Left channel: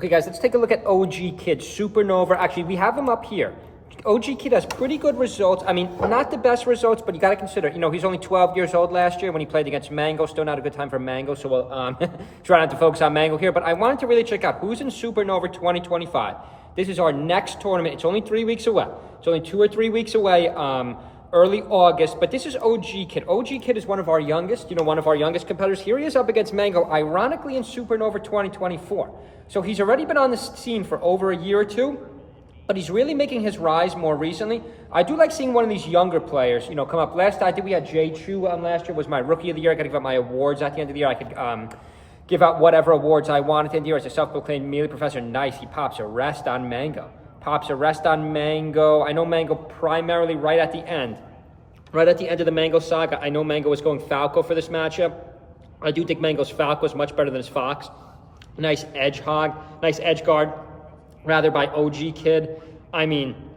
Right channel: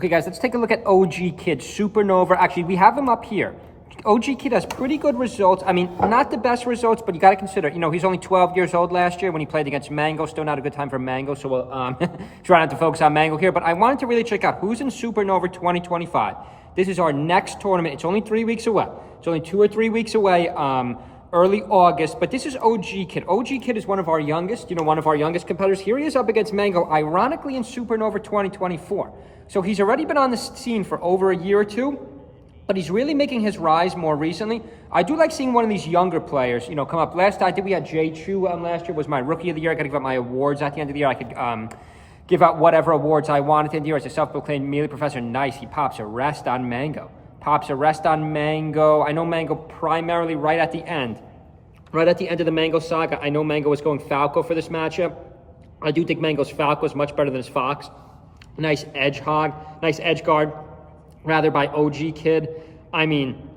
Okay, guys, let's take a look at OG Kid, Supernova. Actually, we have him up here. OG Kid has pretty good results. I mean, not the best results, but you got to consider, you know, he's only 12 years old last year when he played against Mango. Still not a good time for Mango, so we'll try not to focus on Mango here. But I wanted to really check out who's in Supernova 2025. This is our next tournament. It's only 3 weeks away. It's only 2 or 3 weeks away, early August. But this is OG Kid. OG Kid is one of our youngest, one of our youngest competitors. Here he is up against Mango, ironically in Supernova 2024. So he's already been on the scene for over a year or two. But he's really making his rise more recently. I do like seeing one of these younger players, come up. I think we had Jay Chu last year, was my rookie of the year. I got to give out my awards at the end of the year. I could give out whatever awards I wanted at the end of the year as a self-proclaimed melee professor. Nice, he pops a rest on Mango. Pops a rest on Mango. I know Mango primarily right at the end of the Mango saga. I know Mango was going Falco for this matchup. I do think Mango's Falco is much better than his Fox. Nice edge guard. Rather by OG Kid. I mean,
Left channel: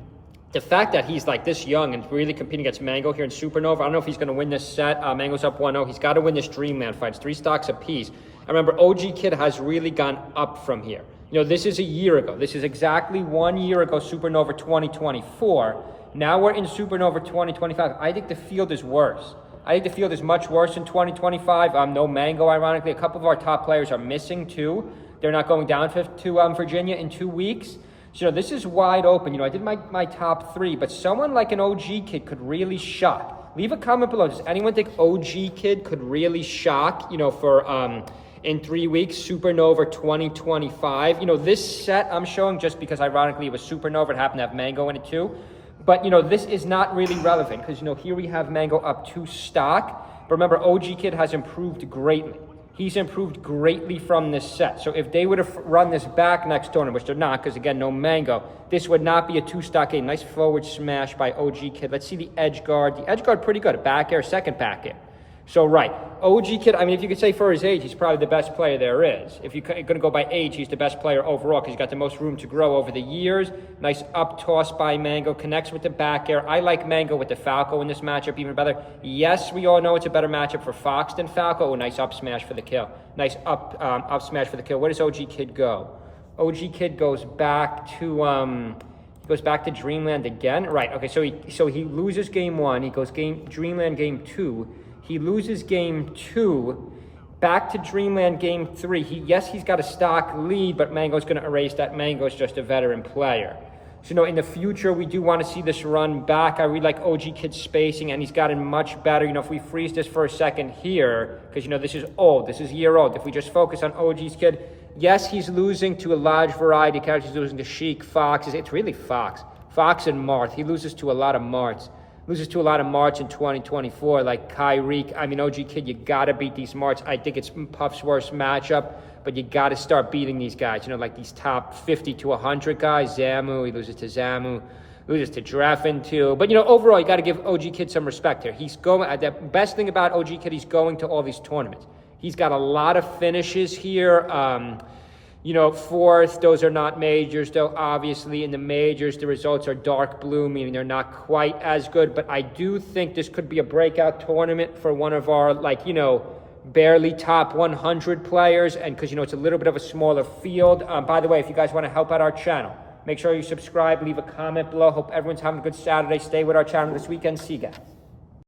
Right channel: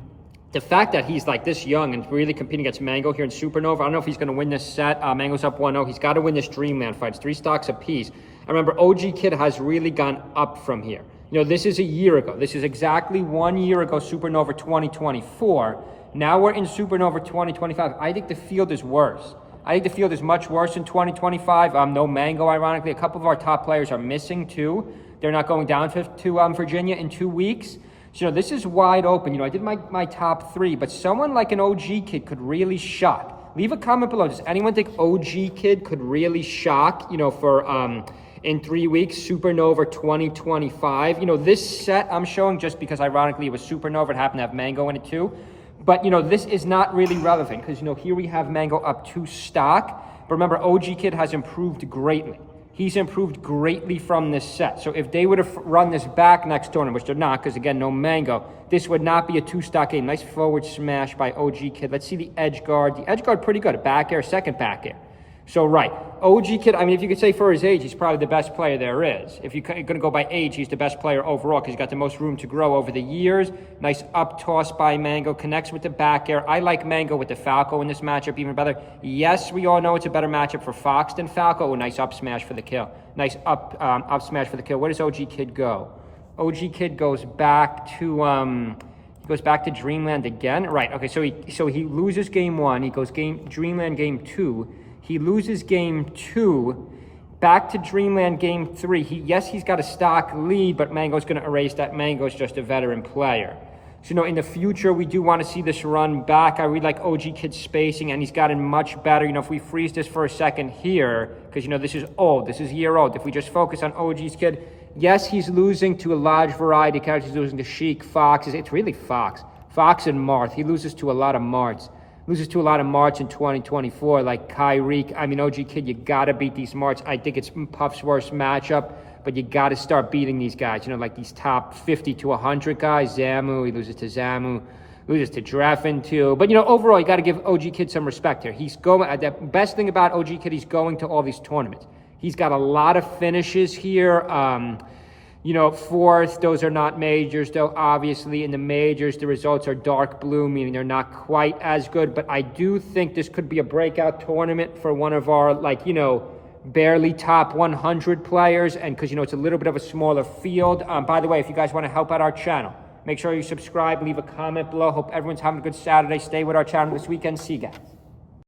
the fact that he's like this young and really competing against Mango here in Supernova, I don't know if he's going to win this set. Mango's up 1-0. He's got to win this Dreamland fight. It's 3 stocks apiece. And remember, OG Kid has really gone up from here. This is a year ago. This is exactly 1 year ago, Supernova 2024. Now we're in Supernova 2025. I think the field is worse. I think the field is much worse in 2025. No Mango, ironically. A couple of our top players are missing too. They're not going down to Virginia in 2 weeks. So this is wide open. I did my top 3, but someone like an OG Kid could really shock. Leave a comment below. Does anyone think OG Kid could really shock, for in 3 weeks, Supernova 2025? This set I'm showing just because ironically it was Supernova. It happened to have Mango in it too. But, this is not really relevant because, here we have Mango up 2 stock. But remember, OG Kid has improved greatly. He's improved greatly from this set. So if they would have run this back next tournament, which they're not, because again, no Mango, this would not be a 2-stock game. Nice forward smash by OG Kid. Let's see the edge guard. The edge guard pretty good. A back air, second back air. So right, OG Kid, I mean, if you could say for his age, he's probably the best player there is. If you're going to go by age, he's the best player overall because he's got the most room to grow over the years. Nice up toss by Mango, connects with the back air. I like Mango with the Falco in this matchup even better. Yes, we all know it's a better matchup for Fox than Falco. Oh, nice up smash for the kill. Nice up smash for the kill. Where does OG Kid go? OG Kid goes back to Dreamland again. Right. Okay. So he loses game 1. He goes Dreamland game 2. He loses game 2, back to Dreamland game 3. He's got a stock lead, but Mango's going to erase that. Mango's just a veteran player. So, in the future, we do want to see this run back. I really like OG Kid's spacing, and he's gotten much better. If we freeze this for a second here, because, this is old. This is a year old. If we just focus on OG's Kid, yes, he's losing to a large variety of characters. He's losing to Sheik, Fox. It's really Fox. Fox and Marth. He loses to a lot of Marths. Loses to a lot of Marts in 2024, like Kyrie. I mean, OG Kid, you got to beat these Marts. I think it's Puff's worst matchup, but you got to start beating these guys. like these top 50 to 100 guys. Zamu, he loses to Zamu. Loses to Dreffin, too. But, overall, you got to give OG Kid some respect here. He's going, the best thing about OG Kid, he's going to all these tournaments. He's got a lot of finishes here. Fourth, those are not majors, though obviously in the majors, the results are dark blue, meaning they're not quite as good. But I do think this could be a breakout tournament for one of our, barely top 100 players. And because, it's a little bit of a smaller field. By the way, if you guys want to help out our channel, make sure you subscribe, leave a comment below. Hope everyone's having a good Saturday. Stay with our channel this weekend. See you guys.